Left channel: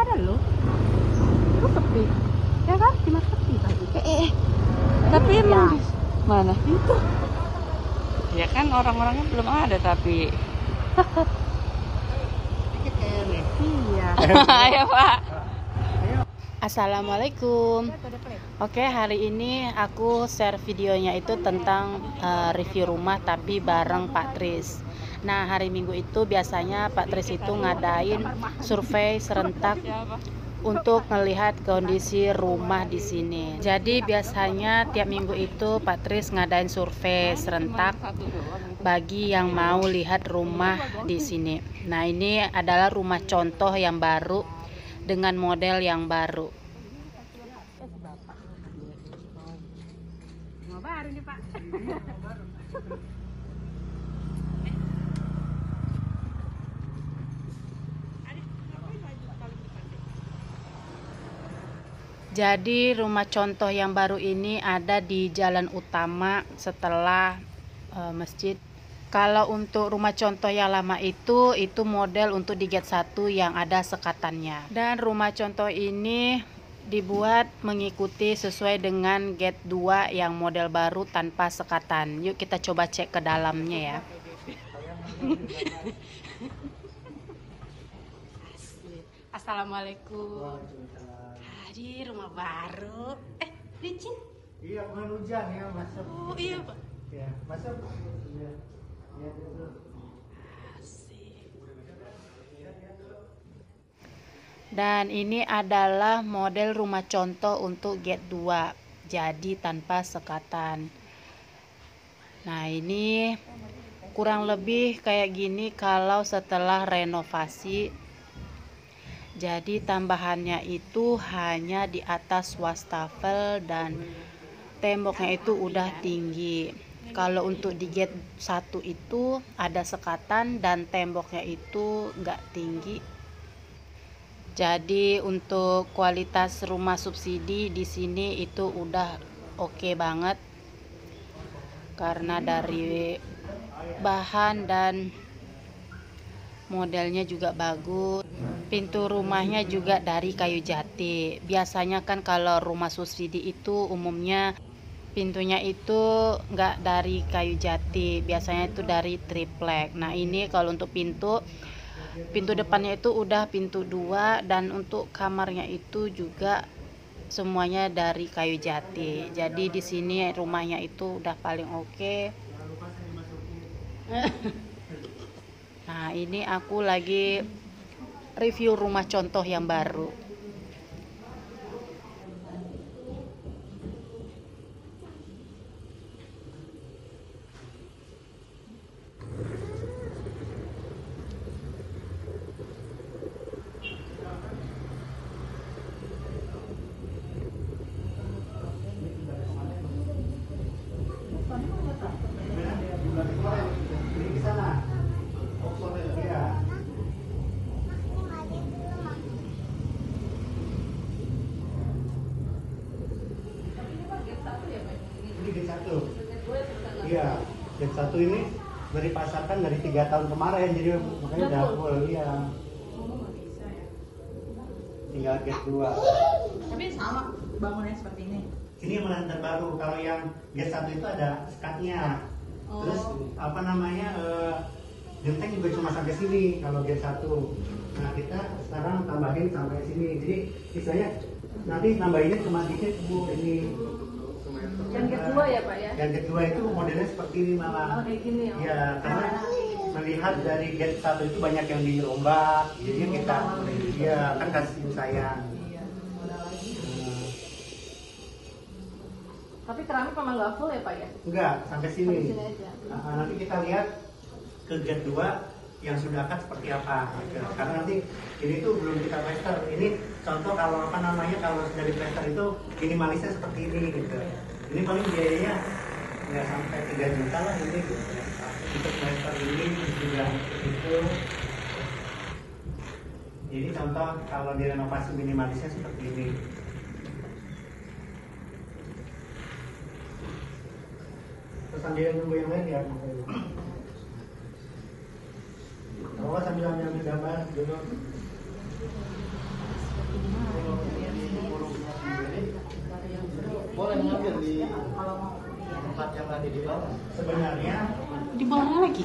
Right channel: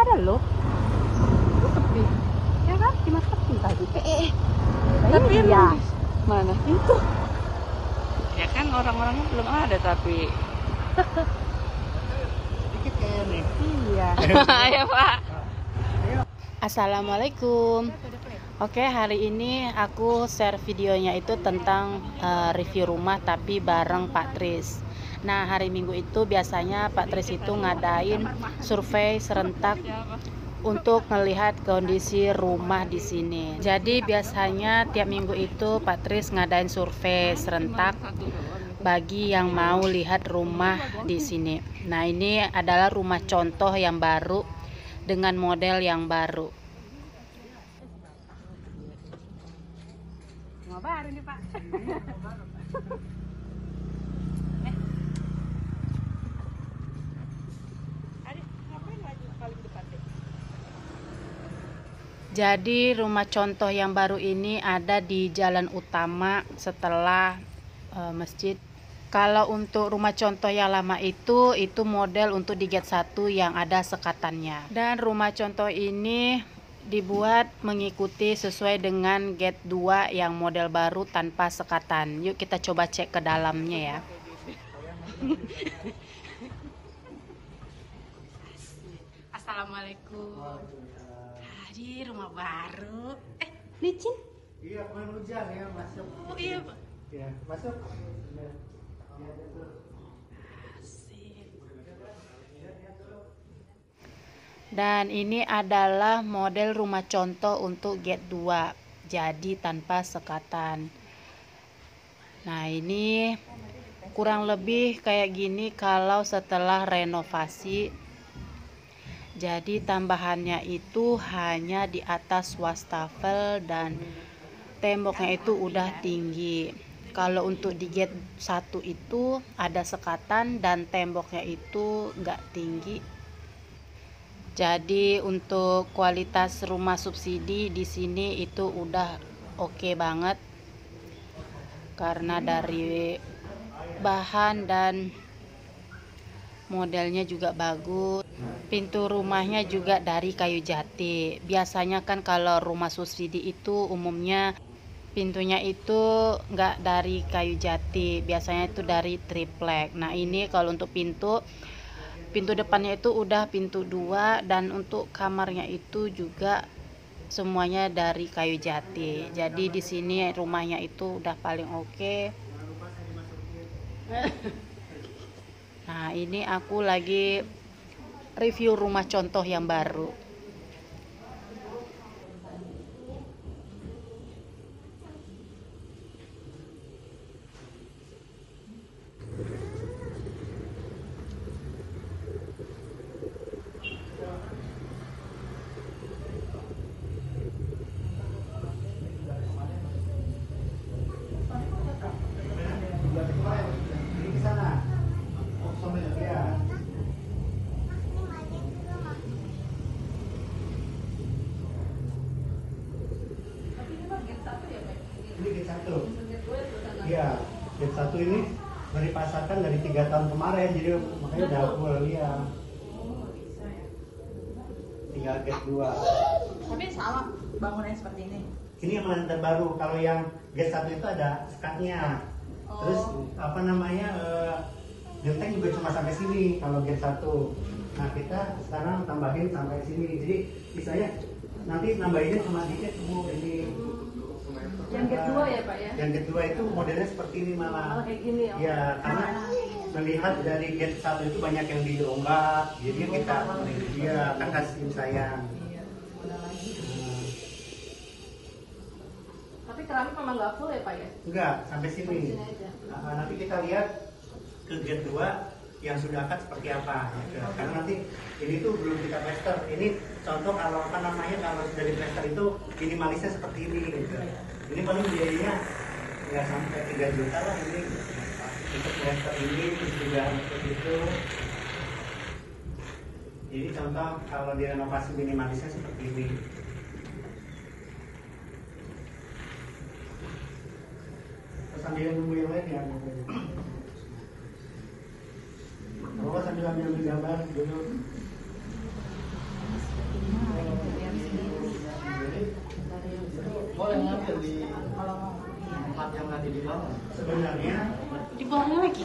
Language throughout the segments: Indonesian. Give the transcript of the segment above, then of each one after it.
ada loh. Itu sepi. Ya kan? Cuma sepi tadi. Tapi Iya. mana? Itu. Ya kan orang-orangnya cuma ada tapi dikit kayak nih. Iya. Ayo Pak. Assalamualaikum. Oke, hari ini aku share videonya itu tentang review rumah tapi bareng Pak Tris. Nah, hari Minggu itu biasanya Pak Tris itu ngadain survei serentak untuk melihat kondisi rumah di sini. Jadi biasanya tiap minggu itu Pak Tris ngadain survei serentak bagi yang mau lihat rumah di sini. Nah, ini adalah rumah contoh yang baru dengan model yang baru. Jadi rumah contoh yang baru ini ada di jalan utama setelah masjid. Kalau untuk rumah contoh yang lama itu model untuk di gate 1 yang ada sekatannya. Dan rumah contoh ini dibuat mengikuti sesuai dengan gate 2 yang model baru tanpa sekatan. Yuk kita coba cek ke dalamnya ya. Assalamualaikum. Di rumah baru. Licin? Iya, kemarin hujan ya masuk. Oh iya Pak. Ya, masuk. Ya. Dan ini adalah model rumah contoh untuk gate 2. Jadi tanpa sekatan. Nah, ini kurang lebih kayak gini kalau setelah renovasi. Jadi tambahannya itu hanya di atas wastafel dan temboknya itu udah tinggi. Kalau untuk di gate 1 itu ada sekatan dan temboknya itu nggak tinggi. Jadi untuk kualitas rumah subsidi di sini itu udah oke banget. Karena dari bahan dan modelnya juga bagus. Pintu rumahnya juga dari kayu jati. Biasanya kan kalau rumah subsidi itu umumnya pintunya itu nggak dari kayu jati, biasanya itu dari triplek. Nah, ini kalau untuk pintu depannya itu udah pintu 2 dan untuk kamarnya itu juga semuanya dari kayu jati. Jadi di sini rumahnya itu udah paling oke. Nah, ini aku lagi review rumah contoh yang baru. Ini gate 1. Iya, gate 1 ini dari pasakan dari 3 tahun kemarin, jadi makanya udah full ya. Tinggal gate 2. Tapi sama bangunnya seperti ini. Ini yang lantai baru. Kalau yang gate 1 itu ada sekatnya. Terus apa namanya? Genteng juga cuma sampai sini kalau gate 1. Nah, kita sekarang tambahin sampai sini. Jadi misalnya nanti nambahinnya cuma dikit Bu, ini. Yang kedua ya Pak ya? Yang kedua itu modelnya seperti ini malah. Oh, kayak gini ya? Ya, karena melihat dari gate 1 itu banyak yang dirombak, jadinya kita ya kan kasih sayang. Tapi keramik memang nggak full ya Pak ya? Enggak, sampai sini. Sampai sini aja. Nah, nanti kita lihat ke gate 2 yang sudah cut seperti apa. Gitu. Karena nanti ini tuh belum kita plaster. Ini contoh kalau apa namanya kalau sudah di plaster itu minimalisnya seperti ini gitu. Ini paling biayanya nggak sampai 3 juta lah ini. Untuk plaster ini juga itu. Jadi contoh kalau direnovasi minimalisnya seperti ini. Terus ada yang nunggu yang lain ya? Kalau sambil ambil gambar dulu. Boleh ngambil di tempat yang nanti di bawah. Sebenarnya di bawah lagi.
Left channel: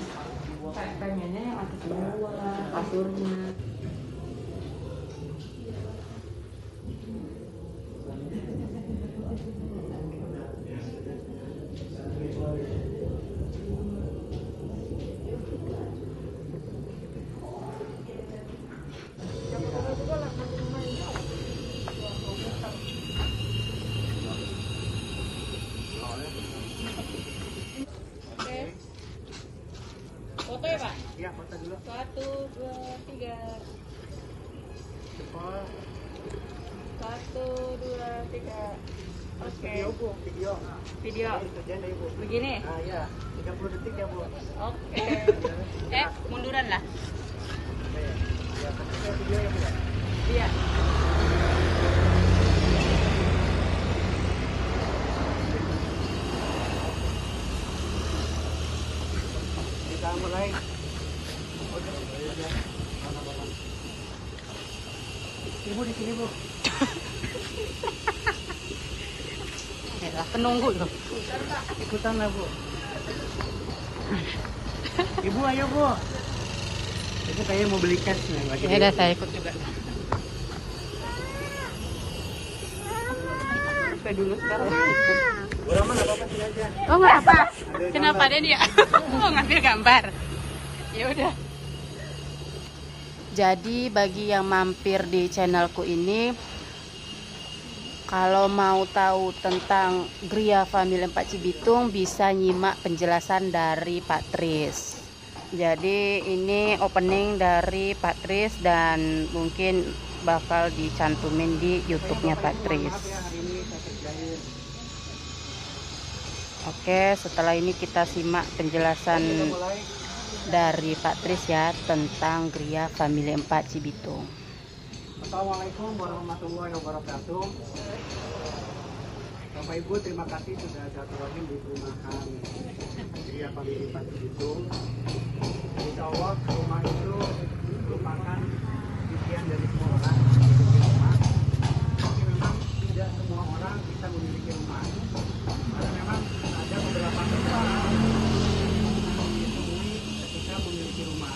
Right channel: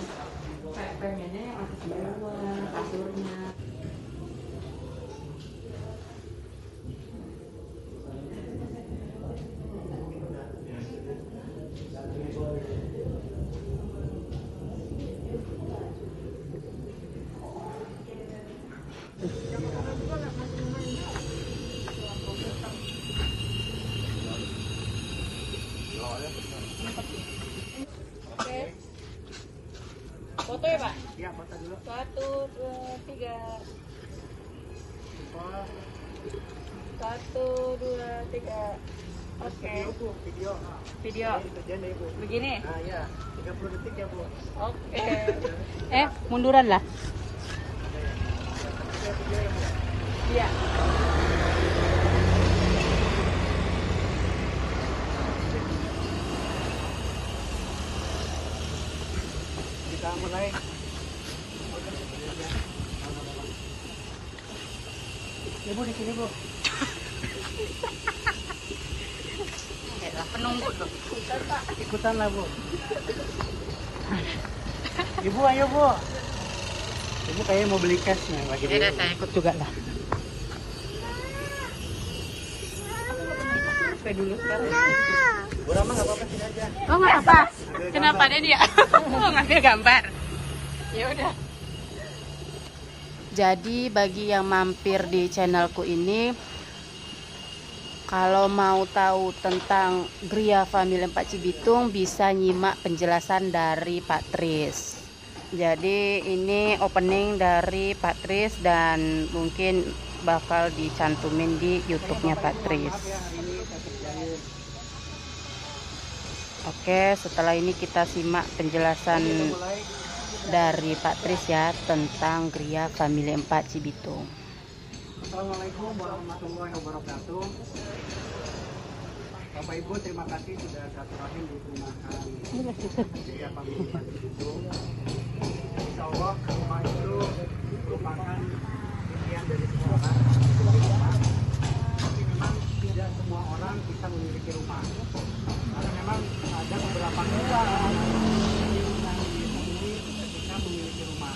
Ya, foto dulu. 1, 2, 3. Cepat. 1, 2, 3. Oke. Video. Begini. Nah, ya. 30 detik ya, Bu. Oke. Munduran lah. Iya. Kita mulai. Ibu di sini, Bu. Penunggu tuh. Ikutan lah, Bu. Ibu, ayo, Bu. Ibu kayaknya mau beli cashnya. Ya udah, saya ikut juga dah. Oh nggak apa? Kenapa dia? Oh ngambil gambar. Ya udah. Jadi bagi yang mampir di channelku ini, kalau mau tahu tentang Gria Family 4 Cibitung bisa nyimak penjelasan dari Pak Tris. Jadi ini opening dari Pak Tris dan mungkin bakal dicantumin di YouTube-nya Pak Tris. Oke, setelah ini kita simak penjelasan dari Pak Tris ya tentang Gria Family 4 Cibitung. Assalamualaikum warahmatullahi wabarakatuh. Bapak Ibu, terima kasih sudah silaturahim di perumahan Gria Family 4 Cibitung. Insya Allah rumah itu merupakan impian dari semua orang memiliki rumah. Tapi memang tidak semua orang bisa memiliki rumah. Karena memang ada beberapa kendala yang ditemui ketika memiliki rumah.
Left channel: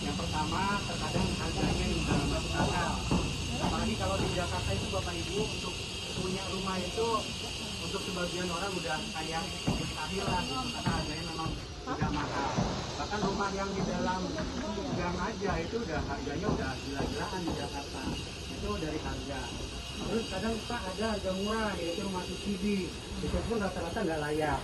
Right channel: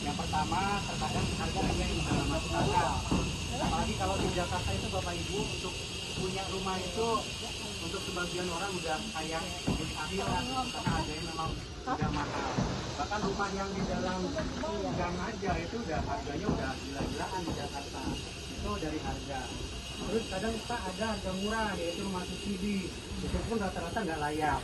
Yang pertama, terkadang harganya juga masuk akal. Apalagi kalau di Jakarta itu Bapak Ibu, untuk punya rumah itu untuk sebagian orang udah kayak mustahil lah gitu, karena harganya memang tidak mahal. Bahkan rumah yang di dalam gang aja itu udah harganya udah gila-gilaan di Jakarta. Itu dari harga. Terus kadang kita ada harga murah, yaitu rumah subsidi. Itu pun rata-rata nggak layak.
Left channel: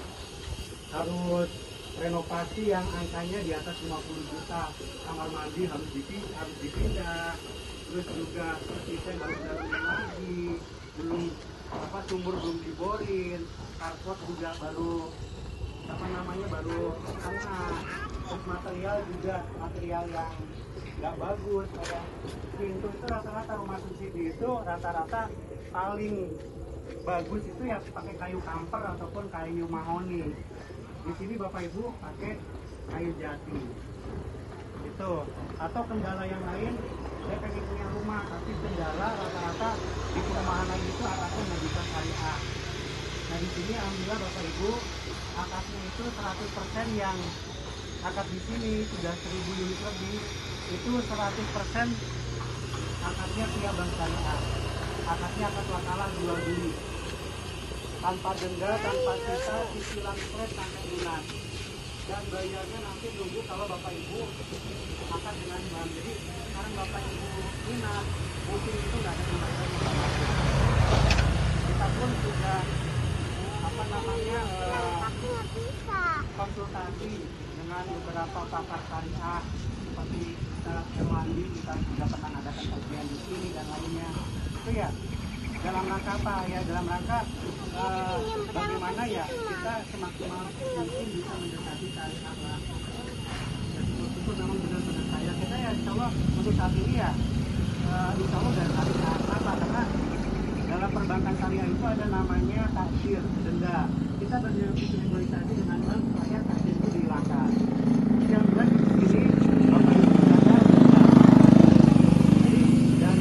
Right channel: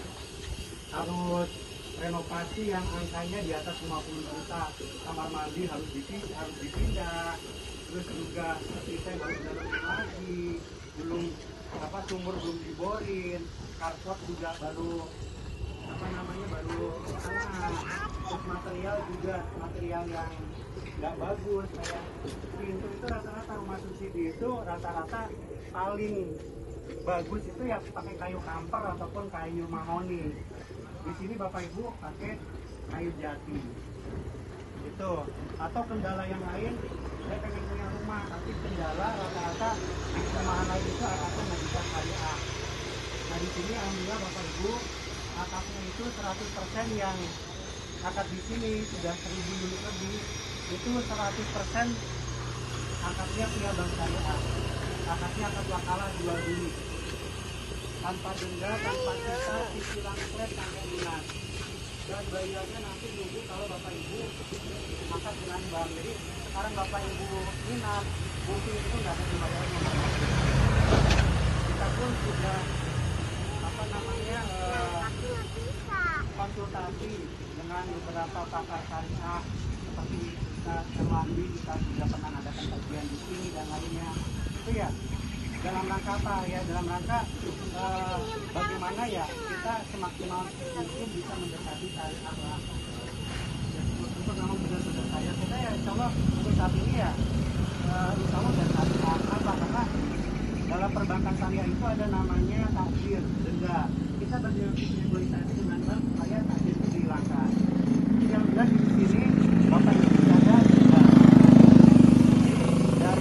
Harus renovasi yang angkanya di atas 50 juta. Kamar mandi harus dipindah. Terus juga setisnya harus dalam lagi. Belum sumur belum diborin. Carport juga baru baru setengah. Terus material juga material yang nggak bagus. Pintu itu rata-rata rumah subsidi itu rata-rata paling bagus itu ya pakai kayu kamper ataupun kayu mahoni. Di sini Bapak Ibu pakai kayu jati. Itu. Atau kendala yang lain, saya pengen punya rumah tapi kendala rata-rata di perumahan lain itu akadnya nggak bisa syariah. Nah di sini alhamdulillah Bapak Ibu akadnya itu 100% yang akad di sini sudah 1000 unit lebih, itu 100% akadnya via bank syariah. Akadnya akad wakalah jual beli tanpa denda, tanpa sisa, cicilan flat sampai lunas. Dan bayarnya nanti nunggu kalau Bapak Ibu akad dengan bank. Jadi sekarang Bapak Ibu minat, mungkin itu nggak ada pembayaran yang langsung. Kita pun sudah konsultasi dengan beberapa pakar syariah seperti Ustaz Erwandi, kita sudah pernah adakan kajian di sini dan lainnya. Itu ya dalam rangka apa ya? Dalam rangka bagaimana ya kita semaksimal mungkin bisa mendekati syariah. Ya syukur memang benar-benar kita ya insya Allah untuk saat ini ya insya Allah dan syariah. Apa? Karena dalam perbankan syariah itu ada namanya taksir, denda. Kita bernegosiasi dengan bank supaya taksir itu dihilangkan. Yang jelas di sini dan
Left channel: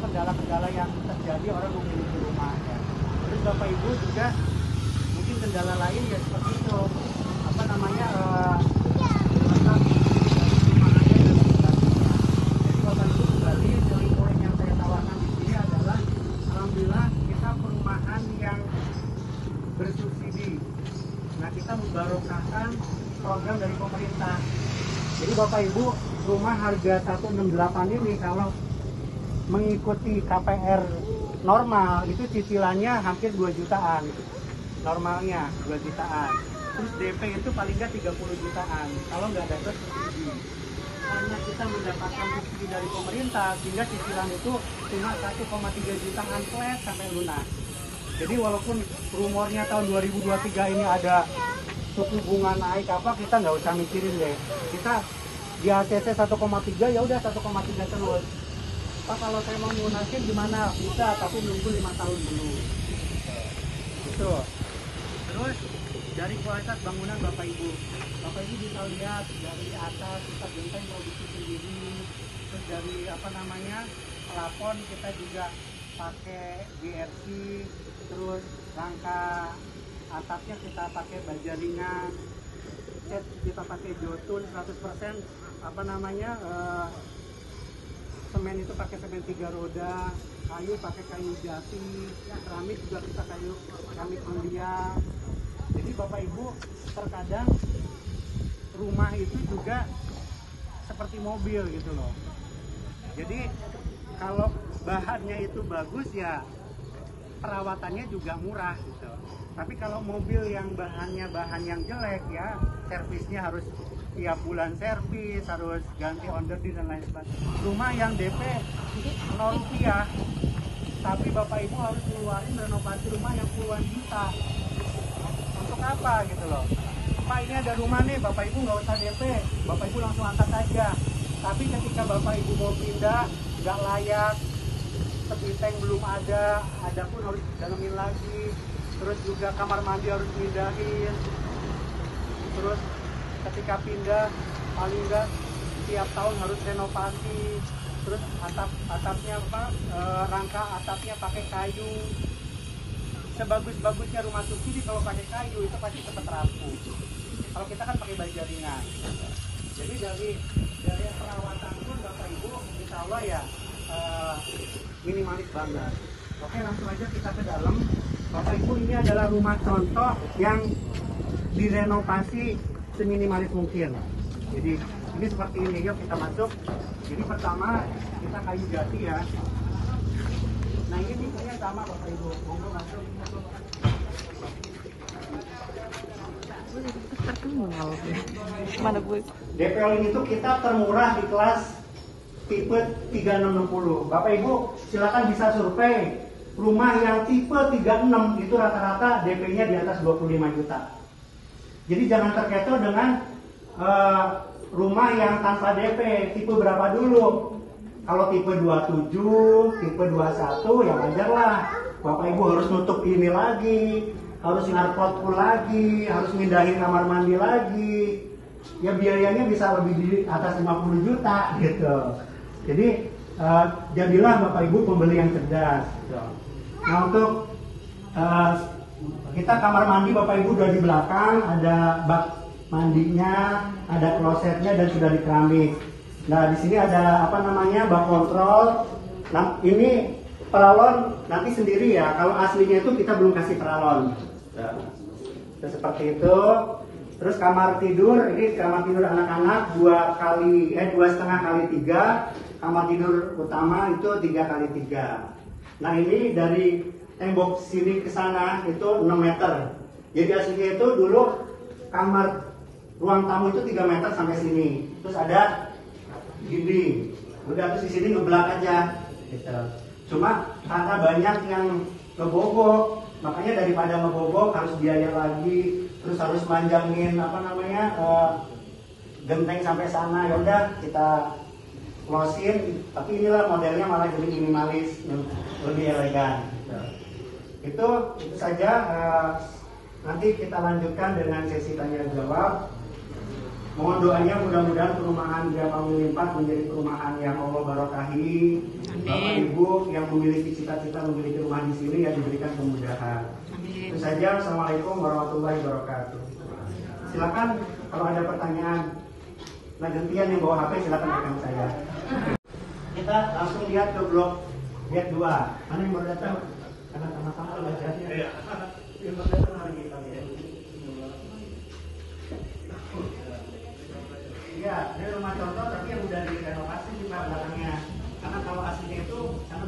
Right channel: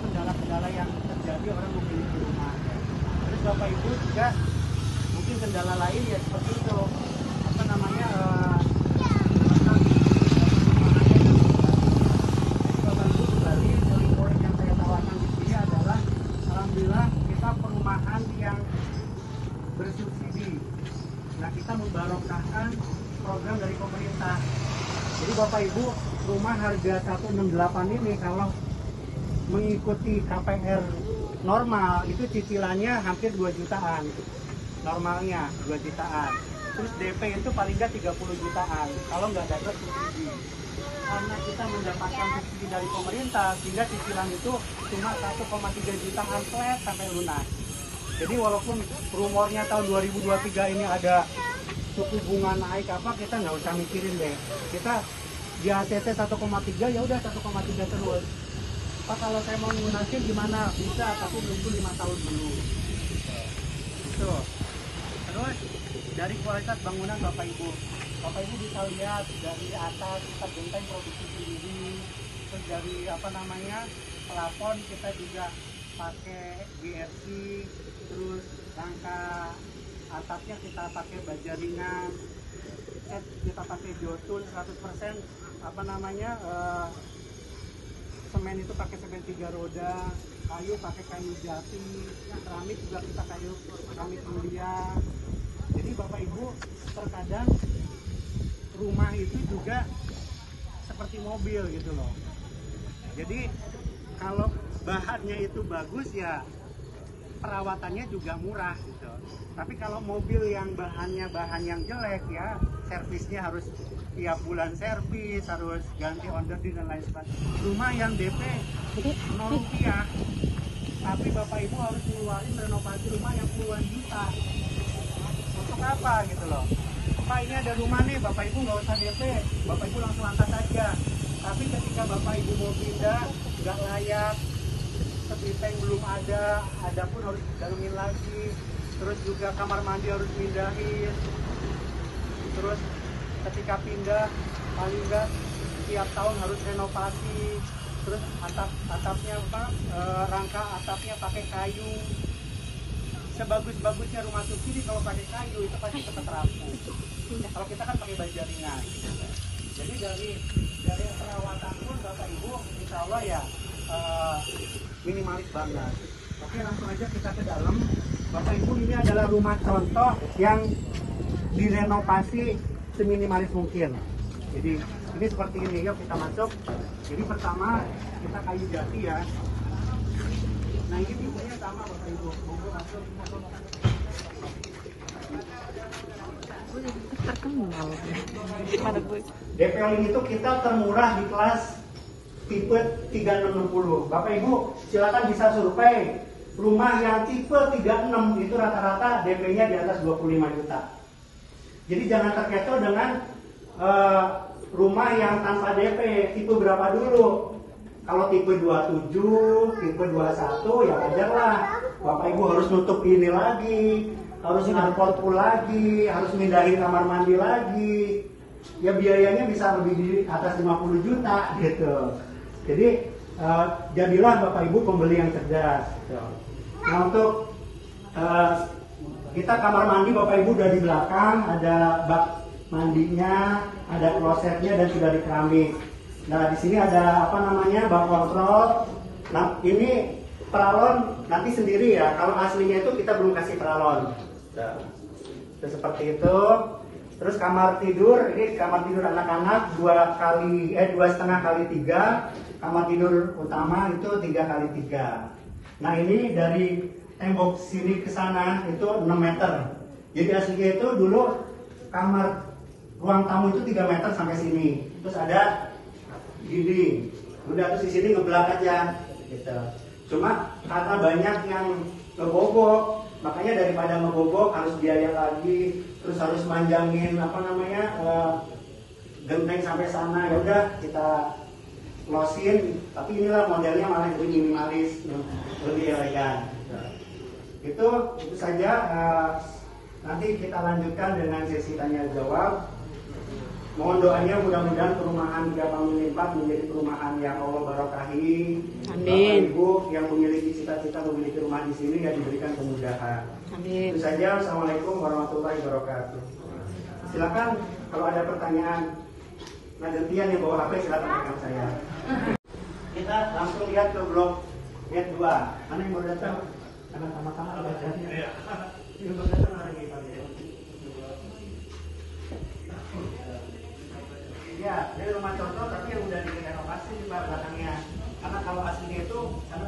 kendala-kendala yang terjadi orang memiliki rumah ya. Terus Bapak Ibu juga mungkin kendala lain ya seperti itu, apa namanya, letak dari rumahannya dan sebagainya. Jadi Bapak Ibu kembali, selling point yang saya tawarkan di sini adalah alhamdulillah kita perumahan yang bersubsidi. Nah, kita membarokahkan program dari pemerintah. Jadi Bapak Ibu, rumah harga 168 ini kalau mengikuti KPR normal itu cicilannya hampir 2 jutaan. Normalnya 2 jutaan. Terus DP itu paling nggak 30 jutaan kalau nggak dapat subsidi. Karena kita mendapatkan subsidi dari pemerintah, sehingga cicilan itu cuma 1,3 jutaan flat sampai lunas. Jadi walaupun rumornya tahun 2023 ini ada suku bunga naik apa, kita nggak usah mikirin deh. Kita di ATT 1,3 ya udah 1,3 terus. Kalau memang mau nanti gimana bisa, tapi nunggu 5 tahun dulu. Itu. Terus dari kualitas bangunan Bapak Ibu bisa lihat dari atas kita benteng produksi sendiri. Terus dari apa namanya, plafon kita juga pakai BRC. Terus rangka atapnya kita pakai baja ringan. Kita pakai jotun 100%, apa namanya, semen itu pakai semen 3 roda, kayu pakai kayu jati, keramik juga kita kayu keramik mulia. Jadi Bapak Ibu, terkadang rumah itu juga seperti mobil gitu loh. Jadi kalau bahannya itu bagus ya perawatannya juga murah gitu. Tapi kalau mobil yang bahannya bahan yang jelek ya, servisnya harus tiap bulan servis, harus ganti onderdil dan lain sebagainya. Rumah yang DP 0 rupiah, tapi Bapak Ibu harus ngeluarin renovasi rumah yang puluhan juta. Untuk apa gitu loh? Pak, ini ada rumah nih, Bapak Ibu nggak usah DP, Bapak Ibu langsung angkat aja. Tapi ketika Bapak Ibu mau pindah, nggak layak, seperti tank belum ada pun harus dalemin lagi. Terus juga kamar mandi harus pindahin. Terus ketika pindah paling enggak tiap tahun harus renovasi. Terus atapnya apa, rangka atapnya pakai kayu. Sebagus-bagusnya rumah subsidi kalau pakai kayu itu pasti cepat rapuh. Kalau kita kan pakai baja ringan. Jadi dari perawatan pun Bapak Ibu insya Allah ya minimalis banget. Oke, langsung aja kita ke dalam. Bapak Ibu, ini adalah rumah contoh yang direnovasi seminimalis mungkin. Jadi ini seperti ini, yuk kita masuk. Jadi pertama kita kayu jati ya. Nah ini tipenya sama Bapak Ibu, monggo masuk. Terkenal. DPL itu kita termurah di kelas tipe 3660. Bapak Ibu silakan bisa survei rumah yang tipe 36 itu rata-rata DP-nya di atas 25 juta. Jadi jangan terkecoh dengan rumah yang tanpa DP. Tipe berapa dulu? Kalau tipe 27, tipe 21 ya wajar lah. Bapak Ibu harus nutup ini lagi, harus ngarpot pool lagi, harus mindahin kamar mandi lagi. Ya biayanya bisa lebih di atas 50 juta gitu. Jadi jadilah Bapak Ibu pembeli yang cerdas. Nah untuk kita kamar mandi Bapak Ibu udah di belakang, ada bak mandinya, ada klosetnya dan sudah di keramik. Nah di sini ada apa namanya, bak kontrol. Nah ini paralon nanti sendiri ya. Kalau aslinya itu kita belum kasih paralon. Nah, seperti itu. Terus kamar tidur, ini kamar tidur anak-anak 2,5 kali 3. Kamar tidur utama itu 3 kali 3. Nah ini dari tembok sini ke sana itu 6 meter. Jadi aslinya itu dulu kamar ruang tamu itu 3 meter sampai sini. Terus ada dinding. Udah terus di sini ngeblak aja. Gitu. Cuma karena banyak yang ngebobok, makanya daripada ngebobok harus biaya lagi, terus harus manjangin apa namanya genteng sampai sana. Ya udah kita losin, tapi inilah modelnya malah jadi minimalis, lebih elegan. Itu saja. Nanti kita lanjutkan dengan sesi tanya jawab. Mohon doanya mudah-mudahan perumahan Japang Lipat menjadi perumahan yang Allah barakahi. Bapak Ibu yang memiliki cita-cita memiliki rumah di sini yang diberikan kemudahan. Amin. Itu saja. Assalamualaikum warahmatullahi wabarakatuh. Silakan kalau ada pertanyaan. Nah, gantian yang bawa HP silakan rekan saya. Kita langsung lihat ke blok lihat 2. Karena yang baru datang karena sama-sama belajar. Yang baru datang hari ini Pak. Ya, ini rumah contoh tapi yang sudah direnovasi di belakangnya. Karena kalau aslinya itu karena